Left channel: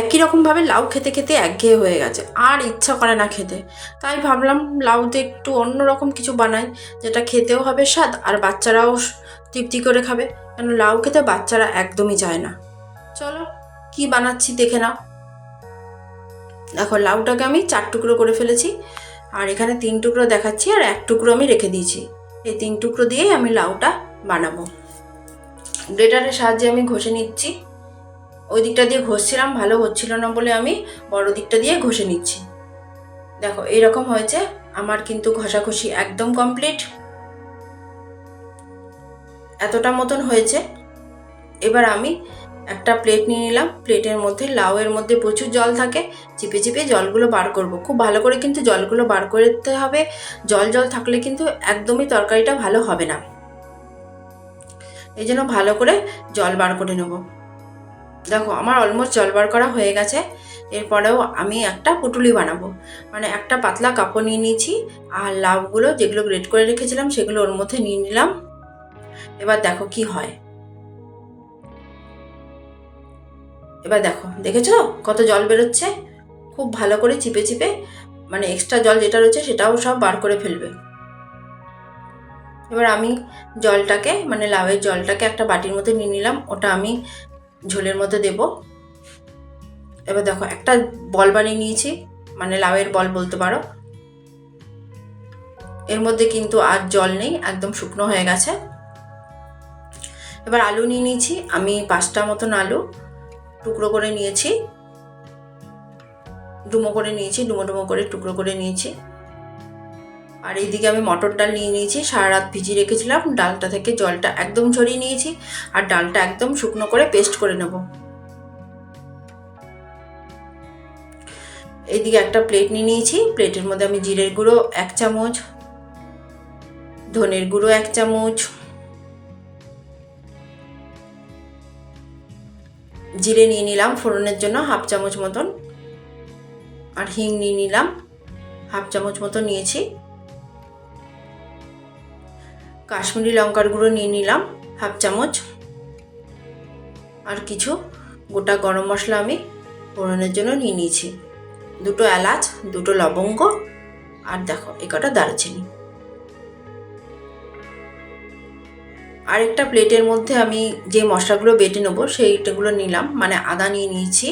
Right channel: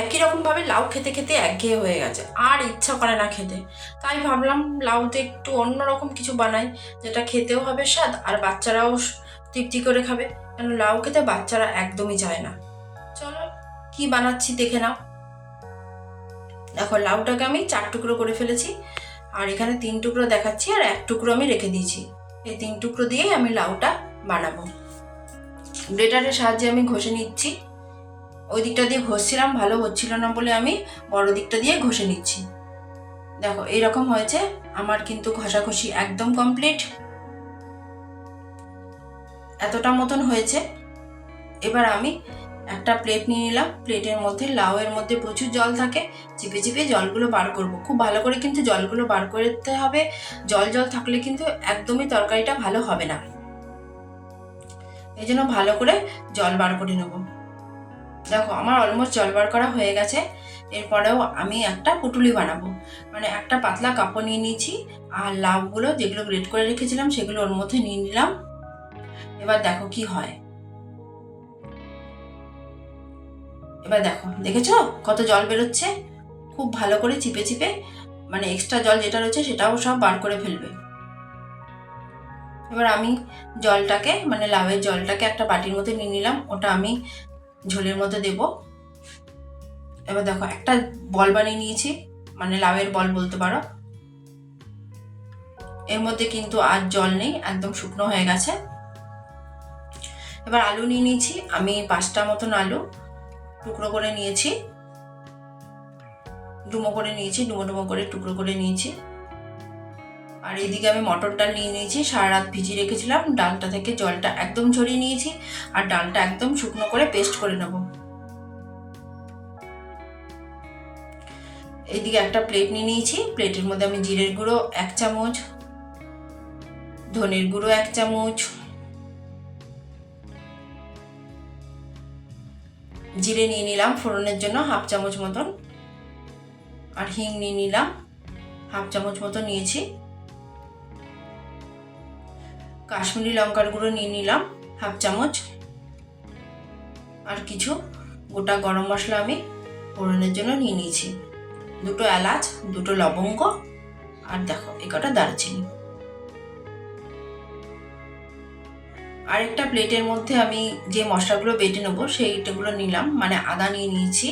একই রকমভাবে লাউ খেতে খেতে একঘেয়ে হয়ে গেছে, আর ইচ্ছা করে না খেতে। তাই ভাবলাম লাউতে একটু অন্য রকম কিছু বানাই, যেটা খেতেও হবে স্বাদ আর বাচ্চারাও তৃপ্তি করে খাবে। কেন লাউ খেতে বাচ্চারা একদমই চায় না। চলো কি বানাচ্ছি দেখে নাও। দেখো লাউটাকে আমি 4 টুকরো করে ফেলেছি, আর এখানে 3 টুকরো দেখাচ্ছি আর 1 টুকরো আমি রেখে দিয়েছি। এই 3 টুকরো দিয়েই আমি লাউটা বানাবো। গ্রেটারের সাহায্যে আমি ঘষে নিচ্ছি। ওই দিকটা দিয়ে ঘষছিলাম, ভালো হচ্ছিল না বলে আমি বড় দিকটা দিয়ে ঘষে নিচ্ছি। দেখো এরকম হয়েছে আমার, কিন্তু ঘষাঘষি একদম কমপ্লিট। এতটা মতন হয়েছে। এবার আমি একটা প্লেট নিয়ে নিলাম। প্লেটের মধ্যে, লাউয়ের মধ্যে প্রচুর জল থাকে, চিপে চিপে জলগুলো বার করব। খুব ভালো করে কিন্তু জলগুলো বার করতে হবে। জল জল থাকলে কিন্তু একদমই তরকারিটা ভালো হবে না। এই জন্য ভালো করে জল বার করে নেব। দেখো আমার অলমোস্ট জল বার করা হয়ে গেছে। এরপরেও আমি একটা পুটুলি বানাবো, মানে একটা পাতলা কাপড় নিয়ে নিয়েছি, আর লাউগুলো যেগুলো গ্রেট করে রেখেছিলাম সেগুলো ওর মধ্যে নিয়ে নিলাম। এবার দেখো কি হয়। এবার দেখো, দেখেছো কত জল বেরোচ্ছে। খুব ভালো করে চিপে চিপে, মানে এক্সট্রা জল যেটা রয়েছে সেটাও সব বার করে ফেলবে। এবার আমি জলটাকে, মানে লাউয়ের জলটাকে একটা বাটির মধ্যে নিয়ে নিলাম, ওটা আমি ঝোলের মধ্যে দেব। এবার দেখো একটা বল বানিয়ে নিয়েছি, মানে লাউয়ের বল বলতে পারো। এর মধ্যে কিন্তু আর জল নেই, একদম শুকনো হয়ে গেছে। এবার আলু নিয়ে নিয়েছি আমি 5টা মতন আলু টুকরো করে নিয়েছি, ডুমো করে নিয়েছি, ডুমো ডুমো করে টুকরো করে নিয়েছি। আর এইদিকে আমি মটর ডাল নিয়ে নিয়েছি, সারা রাত ভিজিয়ে রেখেছিলাম। ডালটা থেকে জলটা একদম ঝরিয়ে নিয়েছি, আর ডালটা একদম শুকনো করে পেস্ট করে নেব। এইদিকে একটা প্লেট নিয়ে নিয়েছি। প্লেটের মধ্যে আমি জিরের গুঁড়ো 1 চামচ, ধনের গুঁড়ো 1 চামচ, জিরে নিয়ে নিলাম ফোড়নের জন্য 1/2 চামচ মতন, আর হিং নিয়ে নিলাম 1/2 চামচ মতো নিয়েছি। কাশ্মীরি লঙ্কার গুঁড়ো নিয়ে নিলাম 1/2 চামচ, আর কিছু গোটা গরম মশলা আমি ফোড়নের জন্য নিয়ে নিয়েছি। 2টো এলাচ, 2টো লবঙ্গ, আর দেখো একটা দারুচিনি। আরেকটা প্লেটের মধ্যে আমি যে মশলাগুলো বেটে নেবো সেইটাগুলো নিলাম, মানে আদা নিয়ে নিয়েছি,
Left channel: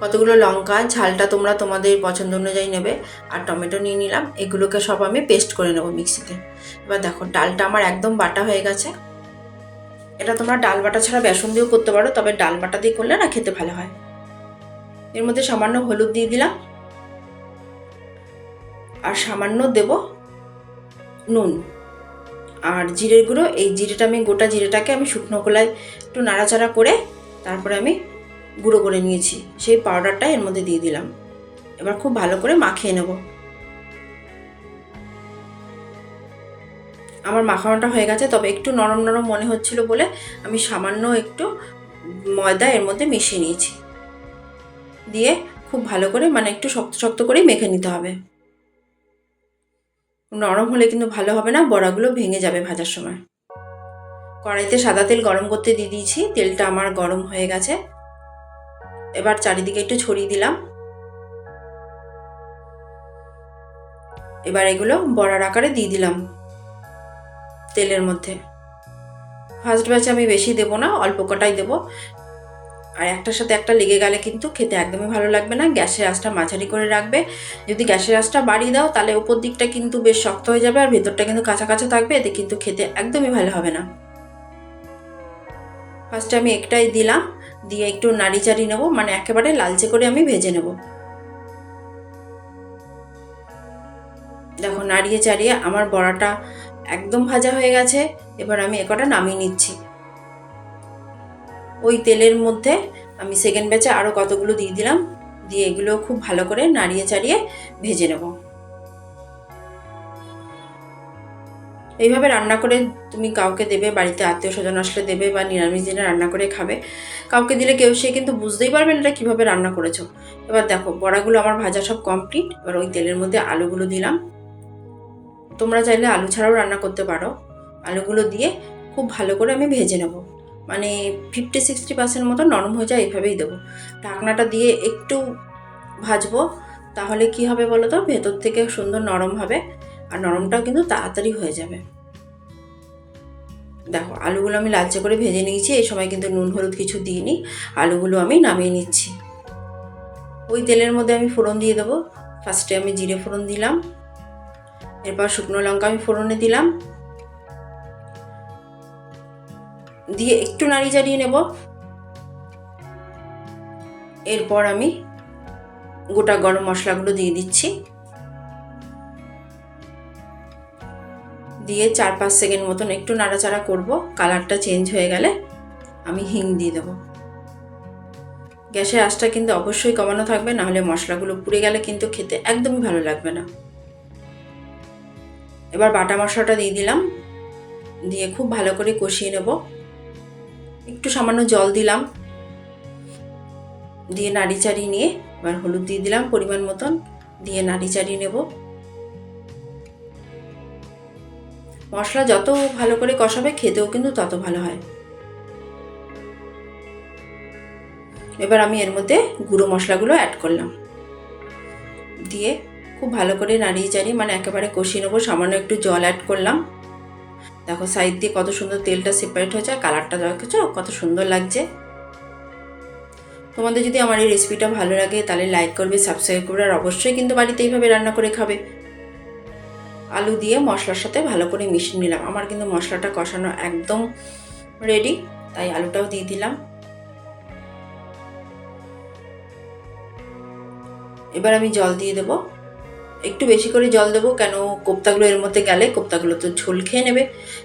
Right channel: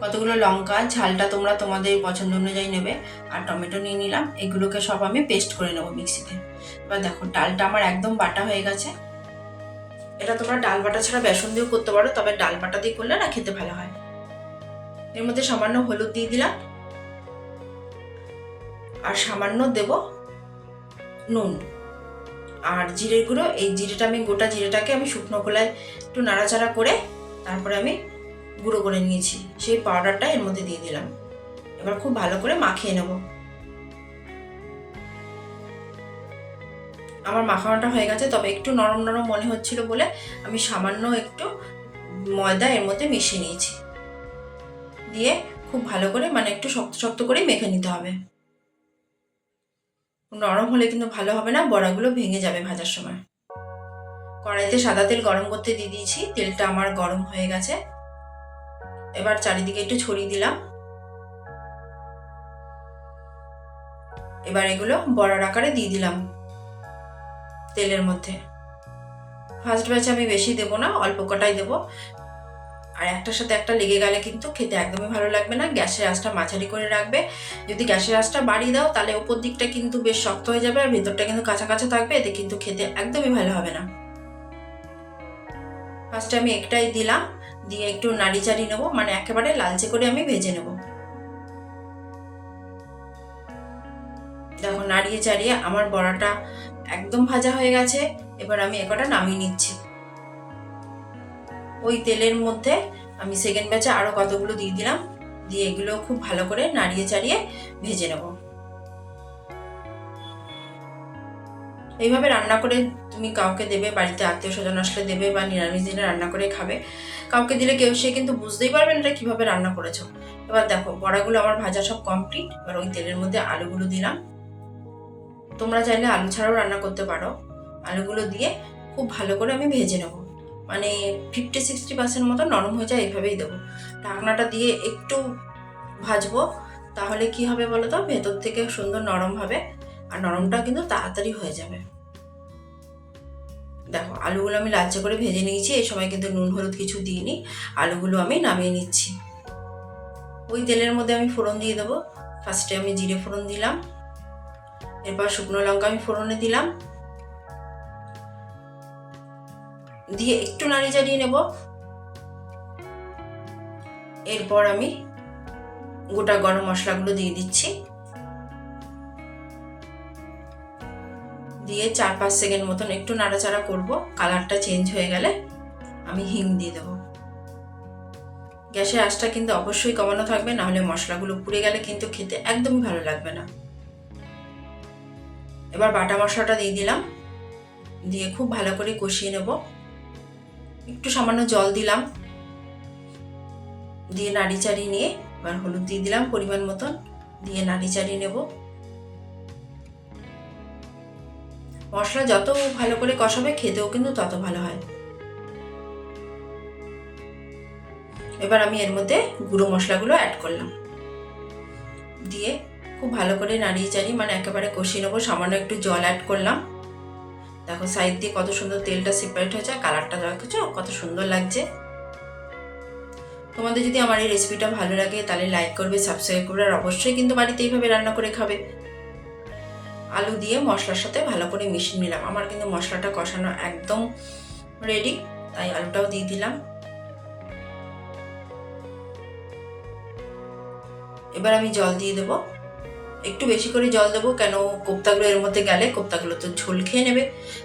কতগুলো লঙ্কা, ঝালটা তোমরা তোমাদের পছন্দ অনুযায়ী নেবে, আর টমেটো নিয়ে নিলাম। এগুলোকে সব আমি পেস্ট করে নেবো মিক্সিতে। এবার দেখো ডালটা আমার একদম বাটা হয়ে গেছে। এটা তোমরা ডাল বাটা ছাড়া বেসন দিয়েও করতে পারো, তবে ডাল বাটা দিয়ে করলে না খেতে ভালো হয়। এর মধ্যে সামান্য হলুদ দিয়ে দিলাম, আর সামান্য দেব নুন, আর জিরের গুঁড়ো। এই জিরেটা আমি, গোটা জিরেটাকে আমি শুকনো খোলায় একটু নাড়াচাড়া করে তারপরে আমি গুঁড়ো করে নিয়েছি, সেই পাউডারটা এর মধ্যে দিয়ে দিলাম। এবার খুব ভালো করে মাখিয়ে নেব। আমার মাখানোটা হয়ে গেছে, তবে একটু নরম নরম মনে হচ্ছিল বলে আমি সামান্য একটু ময়দা এর মধ্যে মিশিয়ে নিয়েছি। দিয়ে খুব ভালো করে, মানে একটু শক্ত শক্ত করেই মেখে নিতে হবে। নরম হলে কিন্তু ভালো হবে না, বড়াগুলো ভেঙে যাবে ভাজার সময়। কড়াইতে সাদা তেল গরম করতে দিয়ে দিয়েছি, তেলটা আমার গরম হয়ে গেছে। এবার চারিদিকে একটু ছড়িয়ে দিলাম। এবার এগুলো বড়ার আকারে দিয়ে দিলাম তেলের মধ্যে। ফার্স্ট ব্যাচে আমি বেশি দেবো না, অল্প কটাই দেবো, আর একটার সাথে একটা লেগে গেলে কিন্তু খেতে একদমই ভালো লাগবে না। গ্যাসের আঁচটা মাঝারি করে রাখবে। যদি গ্যাসের আঁচটা বাড়িয়ে দাও তাহলে ওপর দিকটা কিন্তু বেশ শক্ত হয়ে যাবে, আর ভেতরটা কিন্তু কাঁচা কাঁচা থাকবে, এতে কিন্তু খেতে একদমই ভালো হবে না। ফার্স্টে আমি একটাই দিলাম, দিয়ে একটু নাড়ি চাড়িয়ে নেবো, মানে একেবারে লালচে করে আমি ভেজে নেব। দেখো নাড়িয়ে চাড়িয়ে আমার বড়াটা একদম ভাজা হয়ে গেছে। এবার আমি একটা নামিয়ে নিচ্ছি। ওই তেলের মধ্যে আমি সেকেন্ড ব্যাচে আরও কতগুলো দিয়ে দিলাম, দিয়ে এগুলো খুব ভালো করে নাড়িয়ে চাড়িয়ে ভেজে নেব। এইভাবে রান্না করে তুমি কাউকে দেবে, বাড়িতে আত্মীয় স্বজন আসলে দেবে, বা নিরামিষ দিনে রান্না করে খাবে। কাউকে দিলে সে কিন্তু বুঝতেই পারবে না এটা কীভাবে রান্না করেছো। এবার দেখো বড়াগুলো আমার ভাজা সব কমপ্লিট। এবার ওই তেলের মধ্যে আলুগুলো দিলাম। তোমরা চাইলে আলু ছাড়াও রান্না করতে পারো। আলুগুলো দিয়ে খুব ভালো করে আমি ভেজে নেব। মানে 50-60% মতো নরম হয়ে যায়, এইভাবেই দেবো। ঢাকনাটা দিয়ে একটু ভাজবো, তাহলে কি হবে বলো তো, ভেতর থেকে সুন্দর নরম হবে আর নরমটাও কিন্তু তাড়াতাড়ি হয়ে যাবে। দেখো আলুগুলো আমি লালচে করে ভেজে নিয়েছি, এই সময় কিন্তু নুন হলুদ কিছু দিইনি। আলুগুলো আমি নামিয়ে নিচ্ছি। ওই তেলের মধ্যে আমি ফোড়ন দিয়ে দেবো। ফার্স্টে আমি জিরে ফোড়ন দিলাম, এরপর শুকনো লঙ্কা আমি ফোড়নে দিলাম, দিয়ে একটু নাড়ি চাড়িয়ে নেব। এরপর আমি গোটা গরম মশলাগুলো দিয়ে দিচ্ছি, দিয়ে 4-5 সেকেন্ড মতন একটু নাড়াচাড়া করব। কালারটা চেঞ্জ হয়ে গেলে আমি হিং দিয়ে দেবো। গ্যাসের আঁচটা কিন্তু অবশ্যই কমানো থাকবে, নাহলে মশলাগুলো পুড়ে গেলে কিন্তু খেতে একদমই ভালো লাগবে না। এবার বাটা মশলাটা দিয়ে দিলাম, দিয়ে খুব ভালো করে কষিয়ে নেব। একটু সামান্য জল দিলাম, দিয়ে নাড়ি চাড়িয়ে নিয়ে এবার হলুদ দিয়ে দিলাম পরিমাণ মতন, দিয়ে নাড়ি চাড়িয়ে নেব। মশলা যত ভালো করে কষাবে খেতেও কিন্তু তত ভালো হয়। এবার আমি এর মধ্যে গুঁড়ো মশলাগুলো অ্যাড করলাম, দিয়ে খুব ভালো করে নাড়িয়ে চাড়িয়ে মানে একেবারে কষিয়ে নেবো। সামান্য একটু জল অ্যাড করলাম। দেখো সাইড দিয়ে কত সুন্দর তেলটা সেপারেট হয়ে যায়, কালারটা দেখেছো কত সুন্দর লাগছে। তোমাদের যদি আমার এই রেসিপিটা ভালো লাগে তাহলে লাইক করবে, সাবস্ক্রাইব করবে, আর অবশ্যই কিন্তু বাড়িতে এইভাবে রান্না করে খাবে। আলু দিয়ে মশলার সাথে ভালো করে মিশিয়ে নিলাম। আমার কিন্তু মশলাটা কষানো একদম রেডি, তাই আলুটাও দিয়ে দিলাম। এবার আমি জল দিয়ে দেবো, একটু বেশি করে জল দেবো, কেন কোপ্তাগুলো এর মধ্যে গেলে কোপ্তাগুলো তো ঝোল খেয়ে নেবে,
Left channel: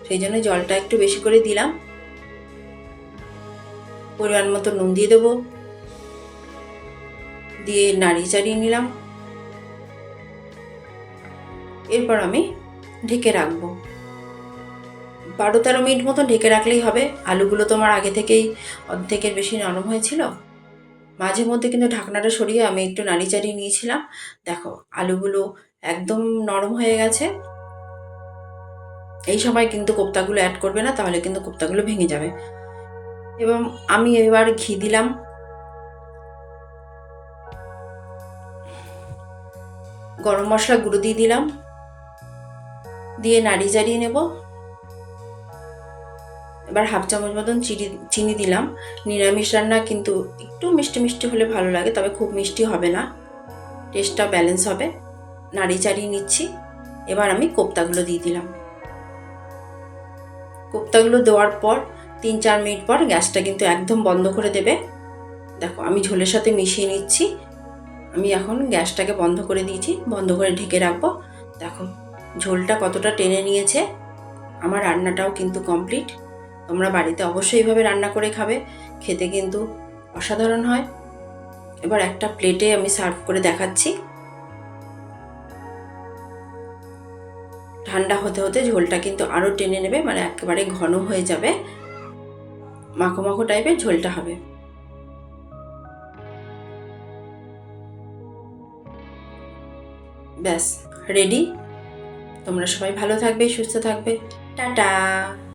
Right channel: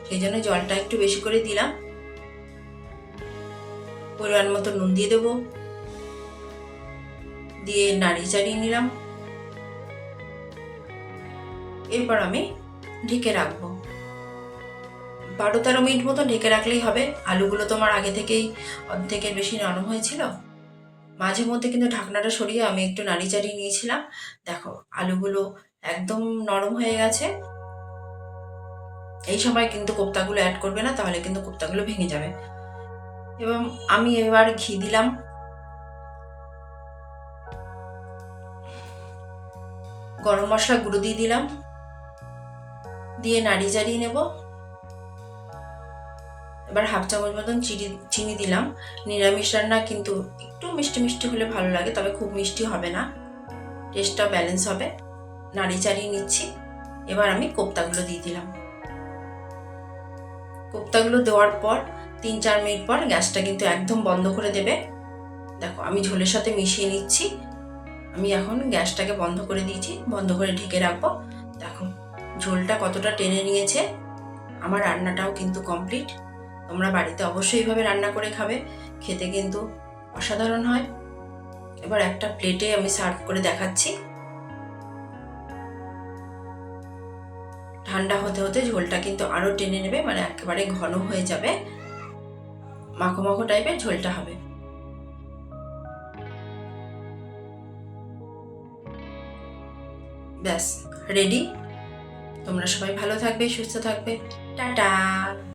সেই জন্য জলটা একটু বেশি করে দিলাম। পরিমাণ মতো নুন দিয়ে দেবো, দিয়ে নাড়িয়ে চাড়িয়ে নিলাম। এরপর আমি ঢেকে রাখবো 12-13 মিনিট মতো ঢেকে রাখলেই হবে। আলুগুলো তো আমার আগে থেকেই অর্ধেকের বেশি নরম হয়েছিল। মাঝে মধ্যে কিন্তু ঢাকনাটা সরিয়ে আমি একটু নাড়ি চাড়িয়ে নিয়েছিলাম। দেখো আলুগুলো একদম নরম হয়ে গেছে। এই সময় কিন্তু কোপ্তাগুলো অ্যাড করবে না, তাহলে কিন্তু কোপ্তাগুলো ভেঙে যাবে। এবং আমি এবার ঘি দিলাম, গরম মশলা গুঁড়ো দিয়ে দিলাম, দিয়ে নাড়ি চাড়িয়ে নেব। এবার 1/2 চামচ মতন চিনি দিলাম। নিরামিষ রান্না কিন্তু একটু মিষ্টি মিষ্টি হলে ভালো লাগে, তবে খুব মিষ্টি হবে না, টেস্টটা ব্যালেন্স হবে। নাড়ি চাড়িয়ে নিচ্ছি। এবার আমি কোপ্তাগুলো দিয়ে দিলাম। কোপ্তাগুলো দেওয়ার পর 3-4 মিনিট পর গ্যাসটা কিন্তু একদম বন্ধ করে দেবে। দেখো আমি ঝোলের সাথে মিশিয়ে নিচ্ছি। আমি এখন গ্যাসটাকে বন্ধ করে দিয়েছি, বন্ধ করে ঢেকে রাখবো। দেখো ঝোলটা কতটা টেনে নিয়েছে। আমার রান্নাটাও কিন্তু কমপ্লিট। তোমরা বাড়িতে অবশ্যই এইভাবে রান্না করে খাবে, খেতে কিন্তু অসাধারণ হয়। এবার একটা প্লেটে আমি সার্ভ করে দেখাচ্ছি। ঠান্ডা হতে হতে ঝোলটা কিন্তু আরও টেনে নেবে, মানে একেবারে ঘন হয়ে যাবে, মাখো মাখো টাইপের ঝোলটা হবে। ব্যাস রেডি। তোমরা সবাই ভালো থাকবে, সুস্থ থাকবে। টাটা।